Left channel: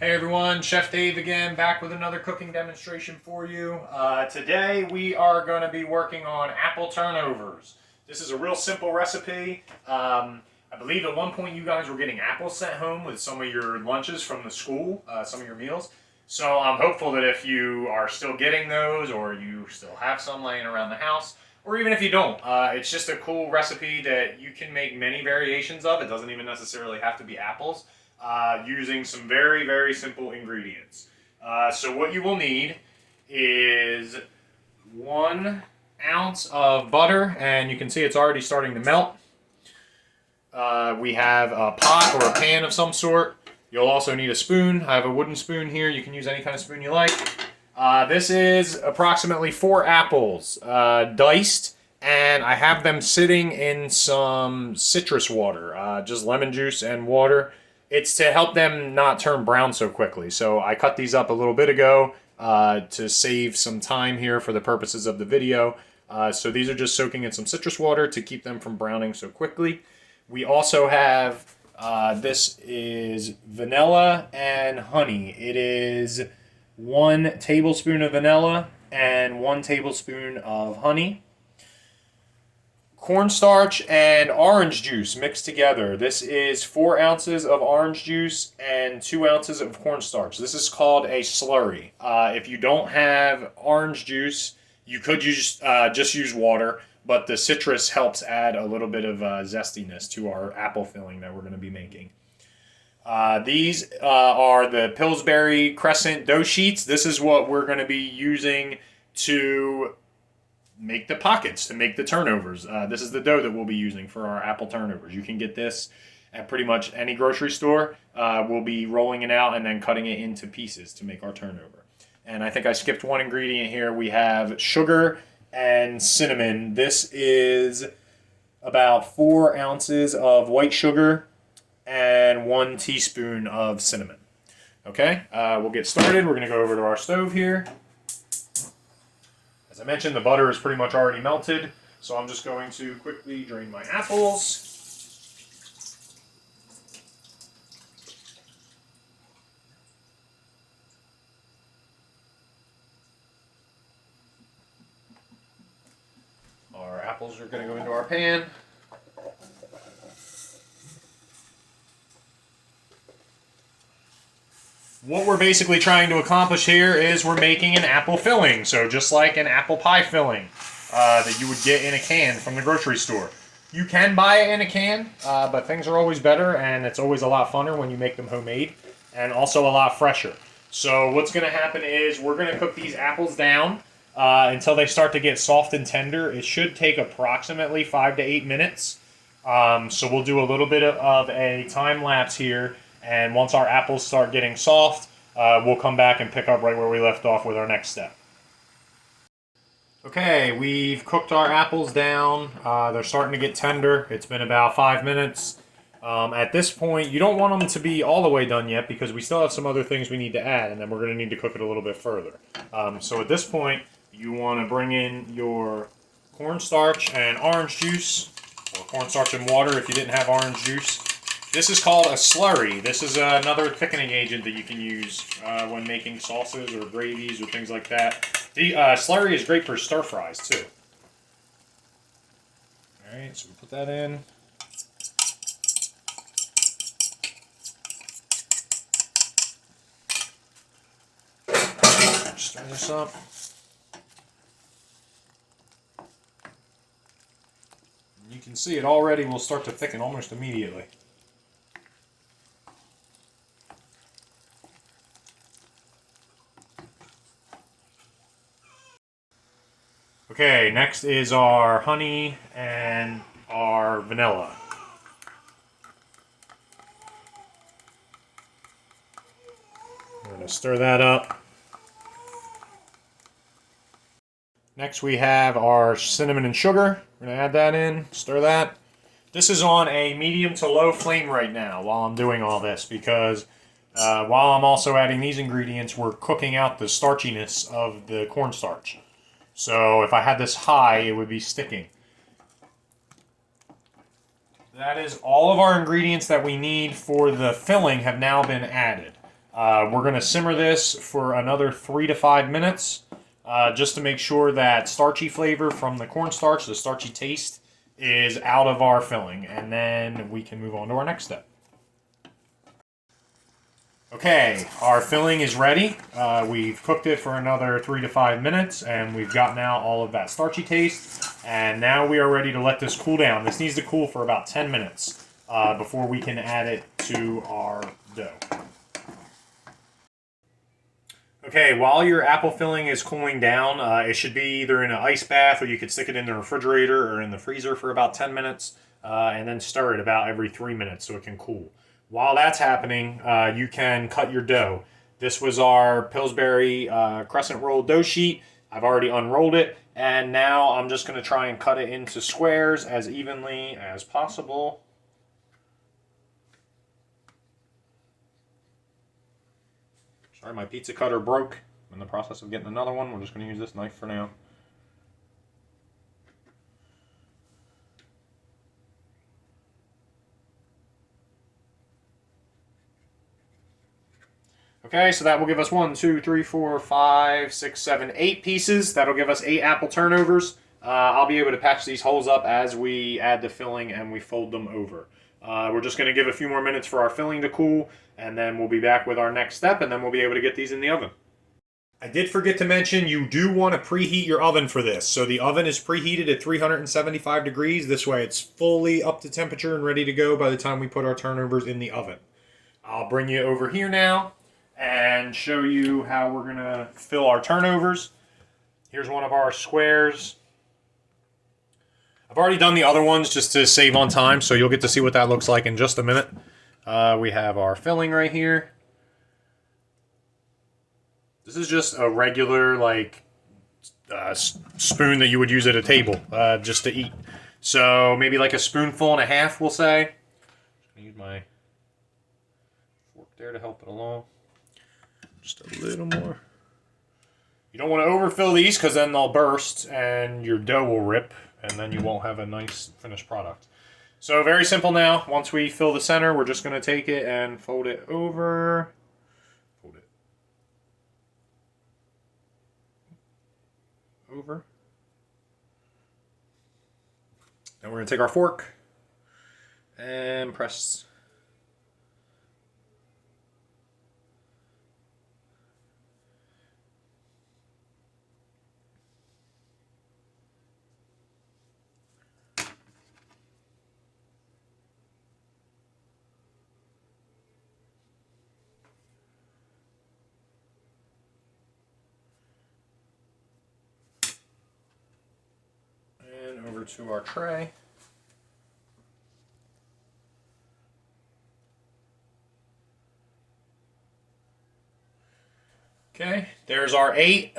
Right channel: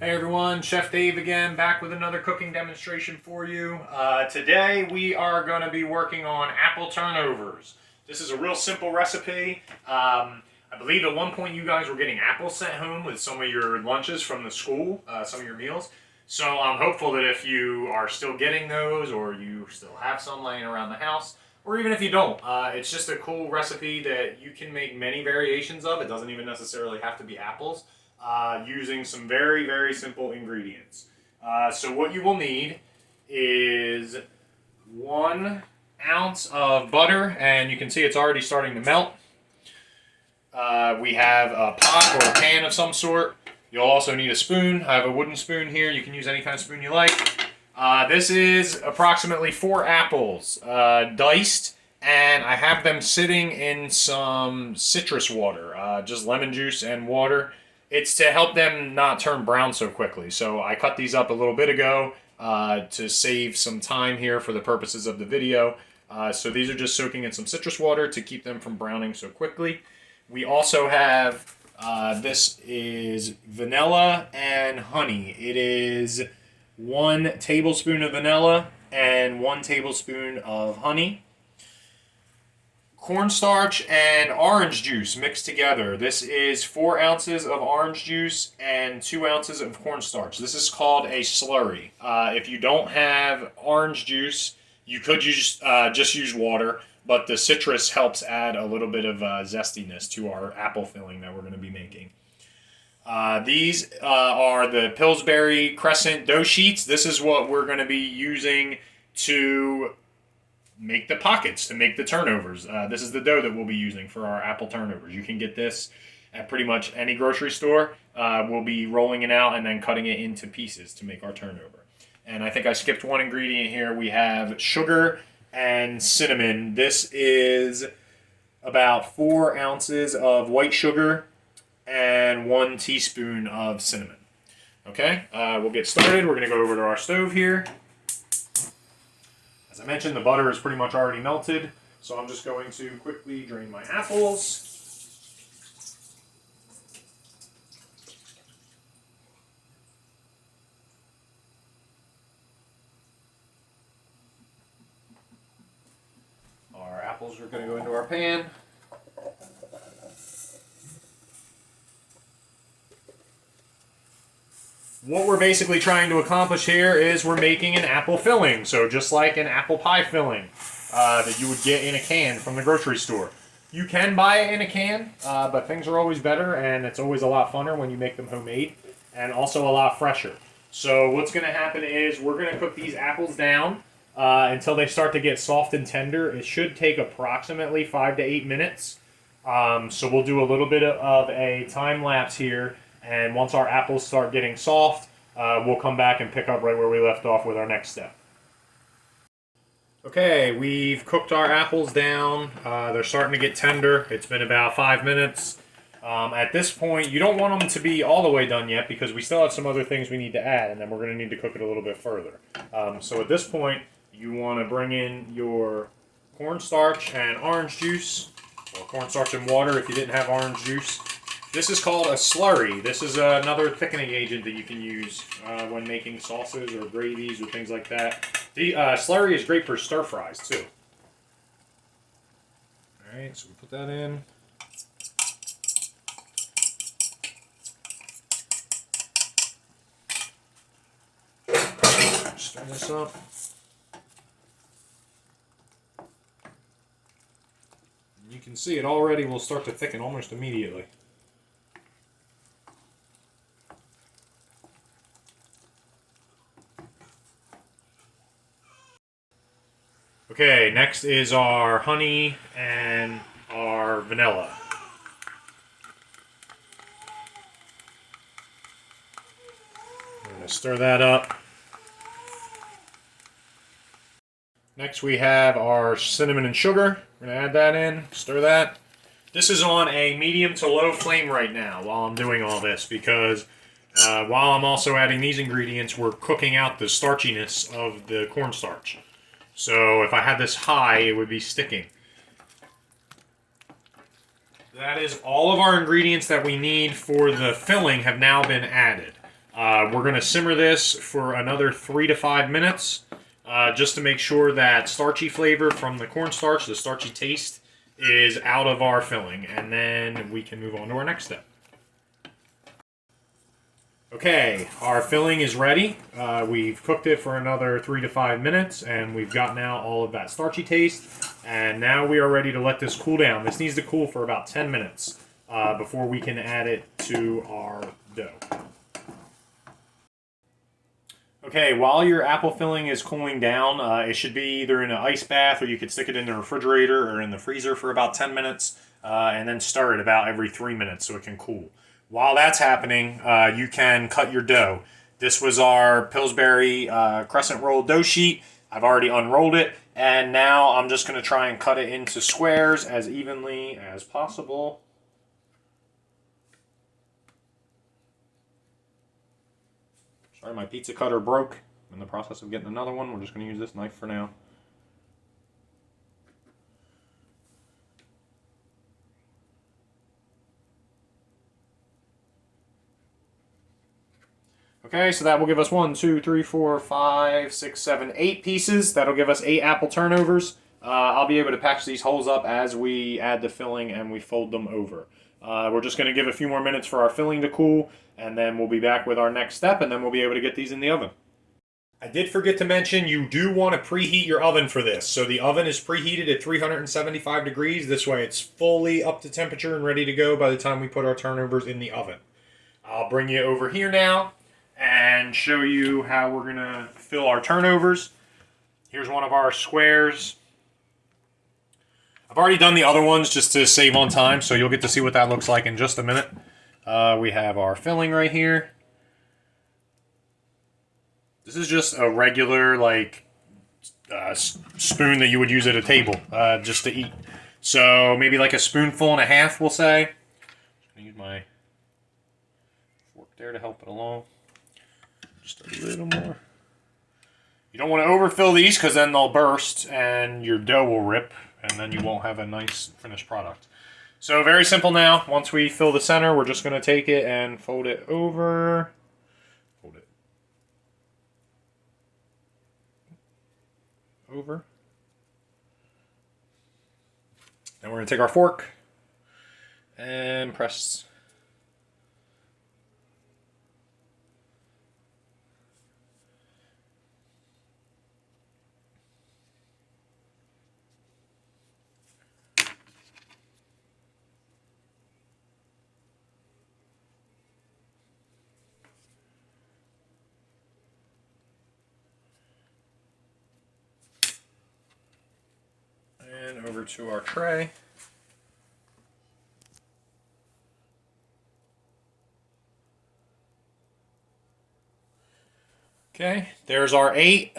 Hey everyone, Chef Dave again, back with another cooking demonstration for you. Today we are going to be working on apple turnovers. This is a real simple recipe. I believe at one point you guys were getting apples sent home with some of your lunches from the school, some of your meals. So I'm hopeful that if you are still getting those, or you still have some laying around the house, or even if you don't, it's just a cool recipe that you can make many variations of. It doesn't even necessarily have to be apples. Using some very, very simple ingredients. So what you will need is 1 ounce of butter, and you can see it's already starting to melt. We have a pot or a pan of some sort. You'll also need a spoon. I have a wooden spoon here. You can use any kind of spoon you like. This is approximately 4 apples, diced, and I have them sitting in some citrus water, just lemon juice and water. It's to help them not turn brown so quickly. So I cut these up a little bit ago to save some time here for the purposes of the video. So these are just soaking in some citrus water to keep them from browning so quickly. We also have, this is vanilla and honey. It is 1 tablespoon of vanilla and 1 tablespoon of honey. Cornstarch and orange juice mixed together. This is 4 ounces of orange juice and 2 ounces of cornstarch. This is called a slurry. If you don't have orange juice, you could just use water, but the citrus helps add a little bit of zestiness to our apple filling that we're going to be making. These are the Pillsbury Crescent dough sheets. This is what we're going to be using to make the pockets, to make the turnovers. This is the dough that we'll be using for our apple turnovers. You can get this at pretty much any grocery store. We'll be rolling it out and then cutting it into pieces to make our turnover. And I think I skipped one ingredient here. We have sugar and cinnamon. This is about 4 ounces of white sugar and 1 teaspoon of cinnamon. Okay, we'll get started. We're going to go over to our stove here. As I mentioned, the butter is pretty much already melted, so I'm just going to quickly drain my apples. Our apples are going to go into our pan. What we're basically trying to accomplish here is we're making an apple filling. So just like an apple pie filling that you would get in a can from the grocery store. You can buy it in a can, but things are always better, and it's always a lot funner when you make them homemade, and also a lot fresher. So what's going to happen is we're going to cook these apples down until they start to get soft and tender. It should take approximately 5 to 8 minutes. So we'll do a little bit of a time lapse here. And once our apples start getting soft, we'll come back and pick up right where we left off with our next step. Okay, we've cooked our apples down. They're starting to get tender. It's been about 5 minutes. At this point, you don't want them to be all the way done yet because we still have some other things we need to add, and then we're going to need to cook it a little bit further. So at this point, you want to bring in your cornstarch and orange juice, or cornstarch and water if you didn't have orange juice. This is called a slurry. This is another thickening agent that you can use when making sauces or gravies or things like that. The slurry is great for stir fries too. Alright, so we put that in. Stir this up. You can see it already will start to thicken almost immediately. Okay, next is our honey and our vanilla. I'm going to stir that up. Next we have our cinnamon and sugar. We're going to add that in, stir that. This is on a medium to low flame right now while I'm doing all this because while I'm also adding these ingredients, we're cooking out the starchiness of the cornstarch. So if I had this high, it would be sticking. That is all of our ingredients that we need for the filling have now been added. We're going to simmer this for another 3 to 5 minutes just to make sure that starchy flavor from the cornstarch, the starchy taste, is out of our filling. And then we can move on to our next step. Okay, our filling is ready. We've cooked it for another 3 to 5 minutes, and we've gotten out all of that starchy taste. And now we are ready to let this cool down. This needs to cool for about 10 minutes before we can add it to our dough. Okay, while your apple filling is cooling down, it should be either in an ice bath, or you could stick it in the refrigerator or in the freezer for about 10 minutes, and then stir it about every 3 minutes so it can cool. While that's happening, you can cut your dough. This was our Pillsbury crescent roll dough sheet. I've already unrolled it, and now I'm just going to try and cut it into squares as evenly as possible. Sorry, my pizza cutter broke. I'm in the process of getting another one. We're just going to use this knife for now. Okay, so that will give us 1, 2, 3, 4, 5, 6, 7, 8 pieces. That'll give us 8 apple turnovers. I'll be able to patch these holes up as we add the filling and we fold them over. We're just going to give a few more minutes for our filling to cool, and then we'll be back with our next step, and then we'll be able to get these in the oven. I did forget to mention you do want to preheat your oven for this. So the oven is preheated at 375 degrees. This way it's fully up to temperature and ready to go by the time we put our turnovers in the oven. I'll bring you over here now and show you how we're going to fill our turnovers. Here's one of our squares. I've already done the other ones just to save on time, so you'll get to see what that looks like in just a minute. We have our filling right here. This is just a regular, like, spoon that you would use at a table just to eat. So maybe like a spoonful and a half, we'll say. I'm going to use my fork there to help it along. Just a little more. You don't want to overfill these because then they'll burst and your dough will rip, and then you won't have a nice finished product. So very simple now. Once we fill the center, we're just going to take it and fold it over. Fold it over. Then we're going to take our fork and press. And over to our tray. Okay, there's our 8.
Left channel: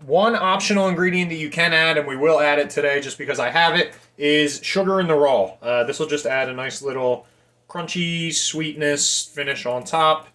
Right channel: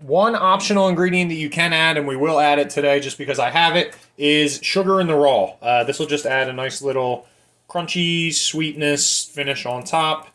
One optional ingredient that you can add, and we will add it today just because I have it, is sugar in the raw. This will just add a nice little crunchy sweetness finish on top.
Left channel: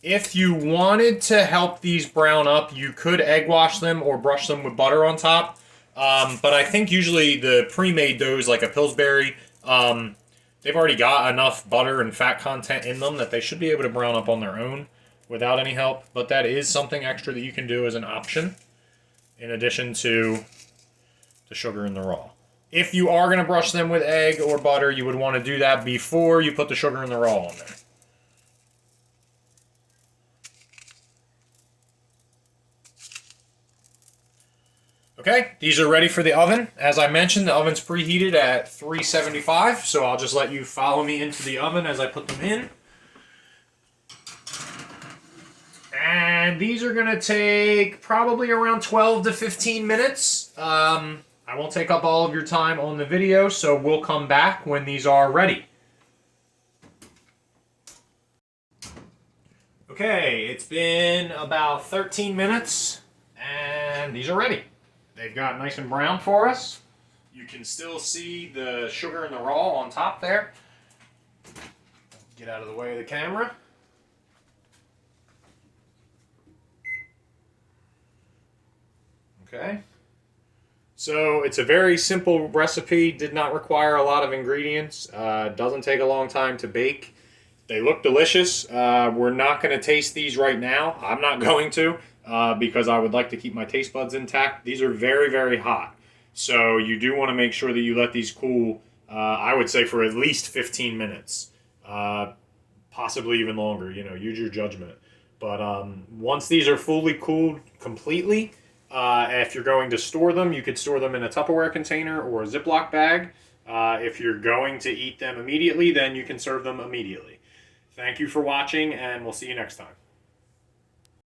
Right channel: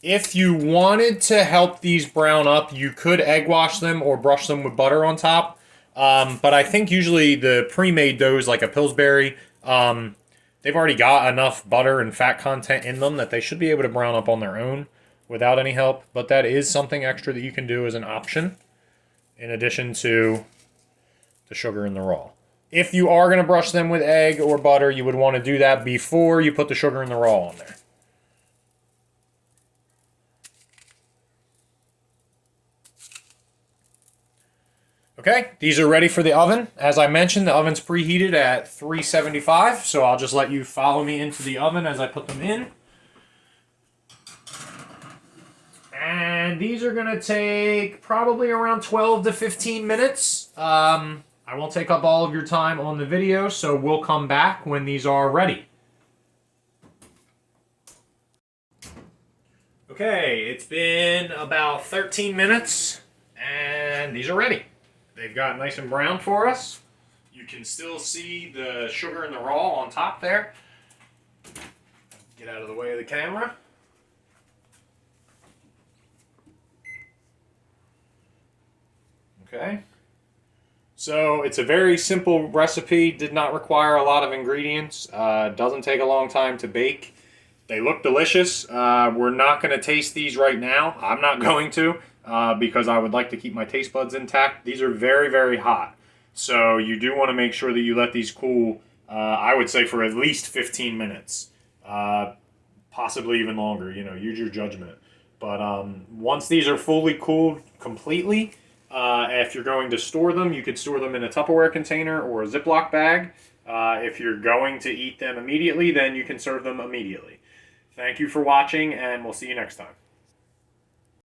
If you wanted to help these brown up, you could egg wash them or brush them with butter on top. But I think usually the pre-made doughs, like a Pillsbury, they've already got enough butter and fat content in them that they should be able to brown up on their own without any help. But that is something extra that you can do as an option in addition to the sugar in the raw. If you are going to brush them with egg or butter, you would want to do that before you put the sugar in the raw on there. Okay, these are ready for the oven. As I mentioned, the oven's preheated at 375, so I'll just let you follow me into the oven as I put them in. And these are going to take probably around 12 to 15 minutes. I won't take up all of your time on the video, so we'll come back when these are ready. Okay, it's been about 13 minutes, and these are ready. They've got nice and brown for us. You can still see the sugar and the raw on top there. Get out of the way of the camera. Okay. So it's a very simple recipe, did not require a lot of ingredients, doesn't take a long time to bake. They look delicious. We're not going to taste these right now. I'm not going to because I would like to keep my taste buds intact. These are very, very hot. So you do want to make sure that you let these cool, I would say for at least 15 minutes, possibly even longer. You know, use your judgment. But once these are fully cooled completely, if you're going to store them, you could store them in a Tupperware container or a Ziploc bag. If you're going to eat them immediately, then you can serve them immediately. Thank you for watching, and we'll see you next time.